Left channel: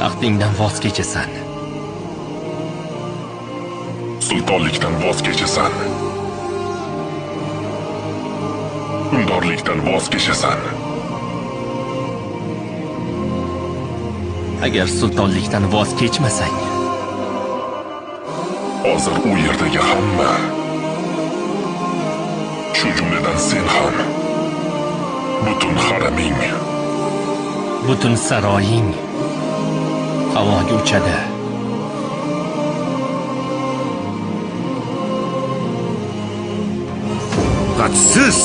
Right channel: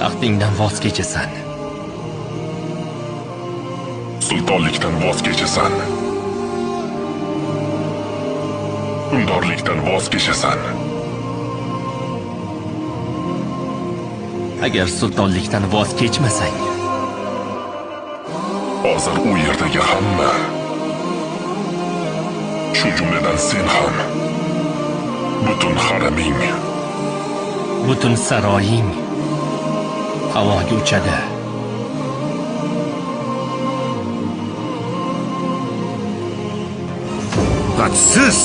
Taxtingdan voz kechasan. Sultonlikdan voz kechasan. Hukmdorlikdan voz kechasan. Agar sultonlikdan voz kechmasang, hozir u yerdagi hamma, shu jumladan sen ham, butun haraming, butun saroying havoga uchadi. Hadsiz!